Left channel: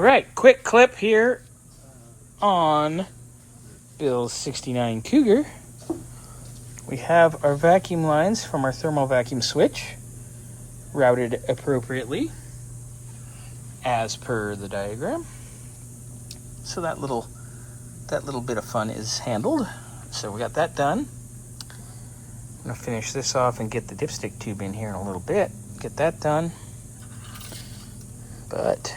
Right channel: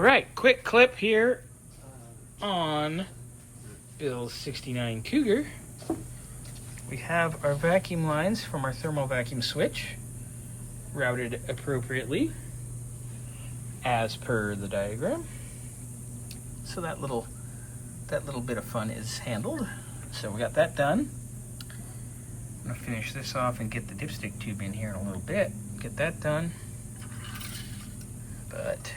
right, quick clip here on Bill's 69 Cougar. We have our vacuum lines from our thermal vacuum switch routed appropriately as per the diagram. So that little bit of fun is handled. So we got that done. I'm gonna finish this off and get the dipstick tube in here in a little bit. Get that done. But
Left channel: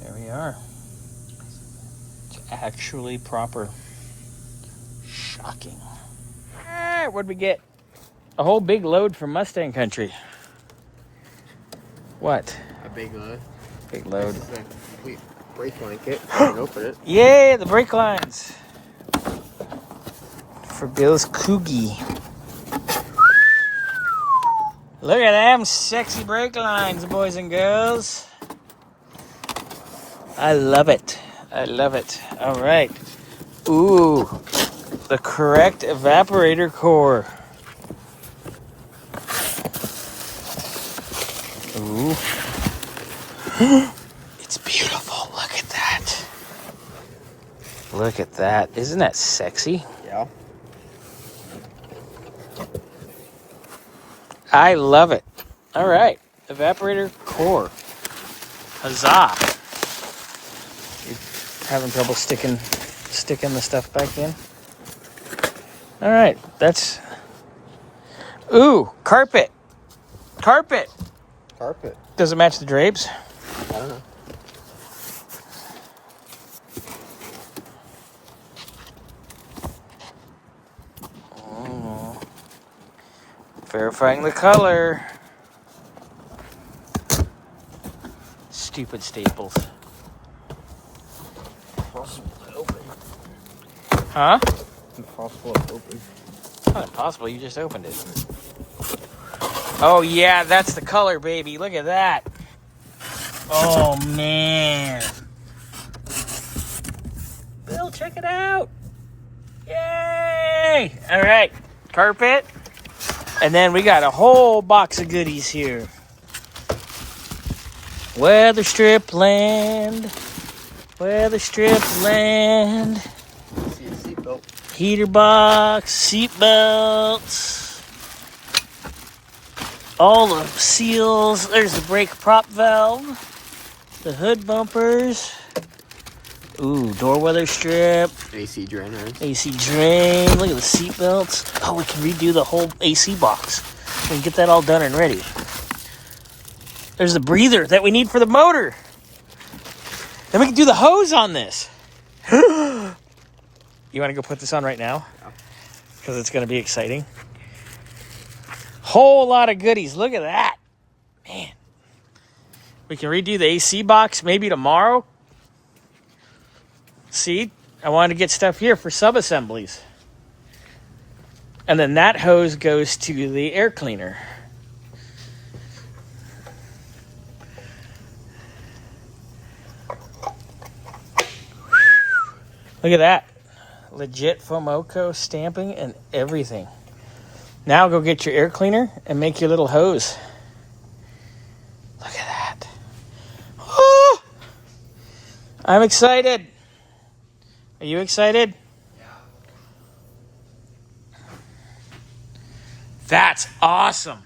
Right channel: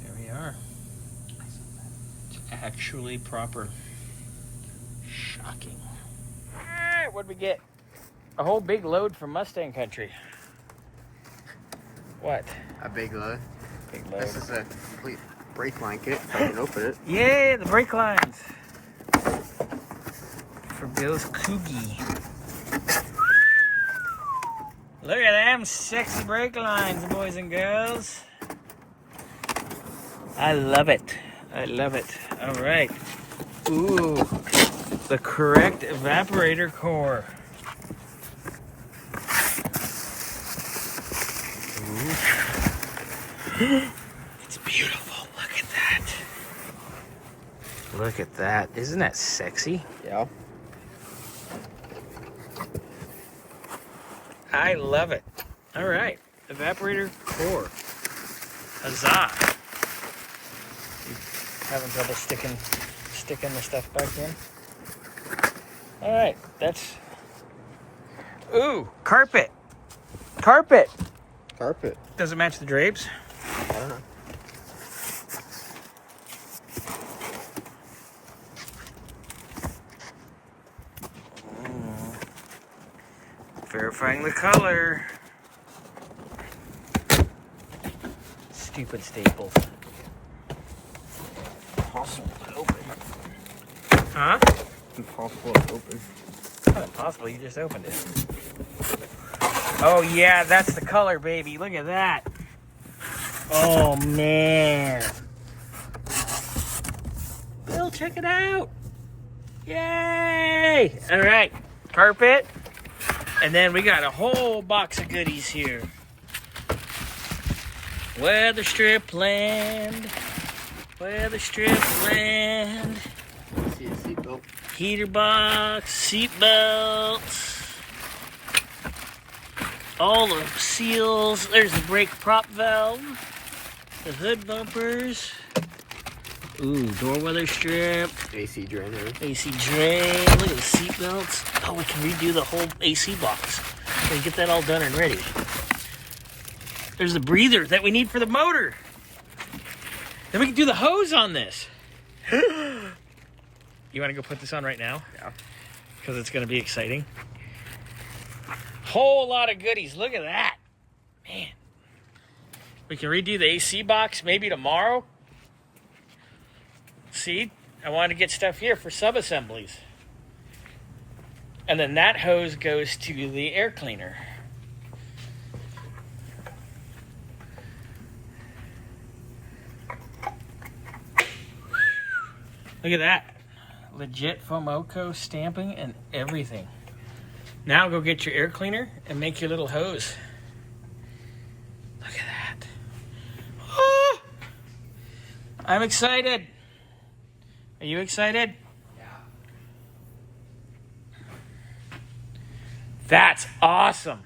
there we are. It's actually proper. Shocking. Alright, what'd we get? A whole big load from Mustang Country. What? A big load. Big load. This is a complete brake line kit. I can open it. Yay, the brake lines. For Bill's Cougie. Look at them sexy brake lines, boys and girls. I love it. I love it. All right. Ooh, the correct evaporator core. Ooh. It's beautiful. Look at that. Look at that. Isn't that sexy? Yeah. I love it. All right. Evaporator core. Huzzah. You having trouble sticking the stuff back in? All right. That's... Ooh, carpet. Carpet. Carpet. Does it match the drapes? I don't know. Oh. Verifying the color. Stupid staples. Impossible to open. Huh? Impossible to open. It's not impossible, you just opened it. Oh yeah, that's the color, baby. Look at that. Oh man. Bill, check it out. Yay! All right, carpet. And then we got a whole box of goodies here. Weatherstrip land. Weatherstrip land. See a seatbelt. Heater box, seat belts. All the seals. There's the brake prop valve. The hood bumpers. Ooh, door weather strip. AC drainers. AC drain. Look at the seat belts. Oh, we can redo the whole AC box. We can get that all done and ready. There's the breather that we need for the motor. Then we can do the hose on this. You want to go put this on right now? Yeah. Because it's going to be exciting. Whole lot of goodies. Look at that. Man. We can redo the AC box maybe tomorrow. See, I wanted to get stuff here for sub-assemblies. And then that hose goes to the air cleaner. Look at that. Legit Fomoco stamping and everything. Now go get your air cleaner and make your little hose. Look at that. Oh, I'm excited. Are you excited? Yeah. That's awesome.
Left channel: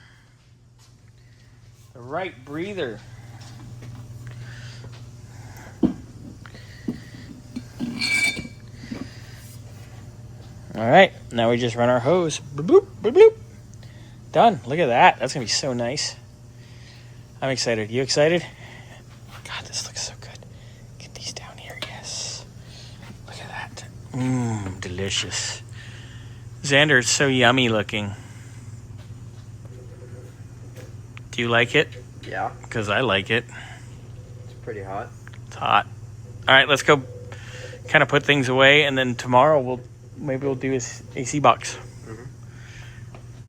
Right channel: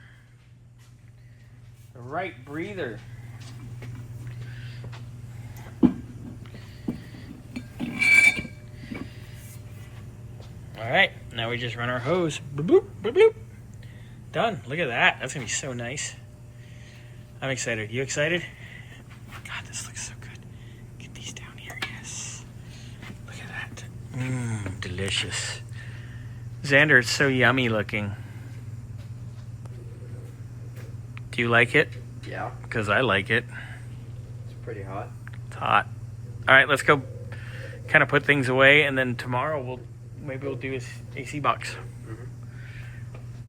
The right breather. All right, now we just run our hose. Boop, boop, boop, boop. Done. Look at that. That's going to be so nice. I'm excited. You excited? God, this looks so good. Get these down here. Yes. Look at that. Mmm, delicious. Xander, it's so yummy looking. Do you like it? Yeah. Because I like it. It's pretty hot. It's hot. All right, let's go kind of put things away, and then tomorrow maybe we'll do this AC box.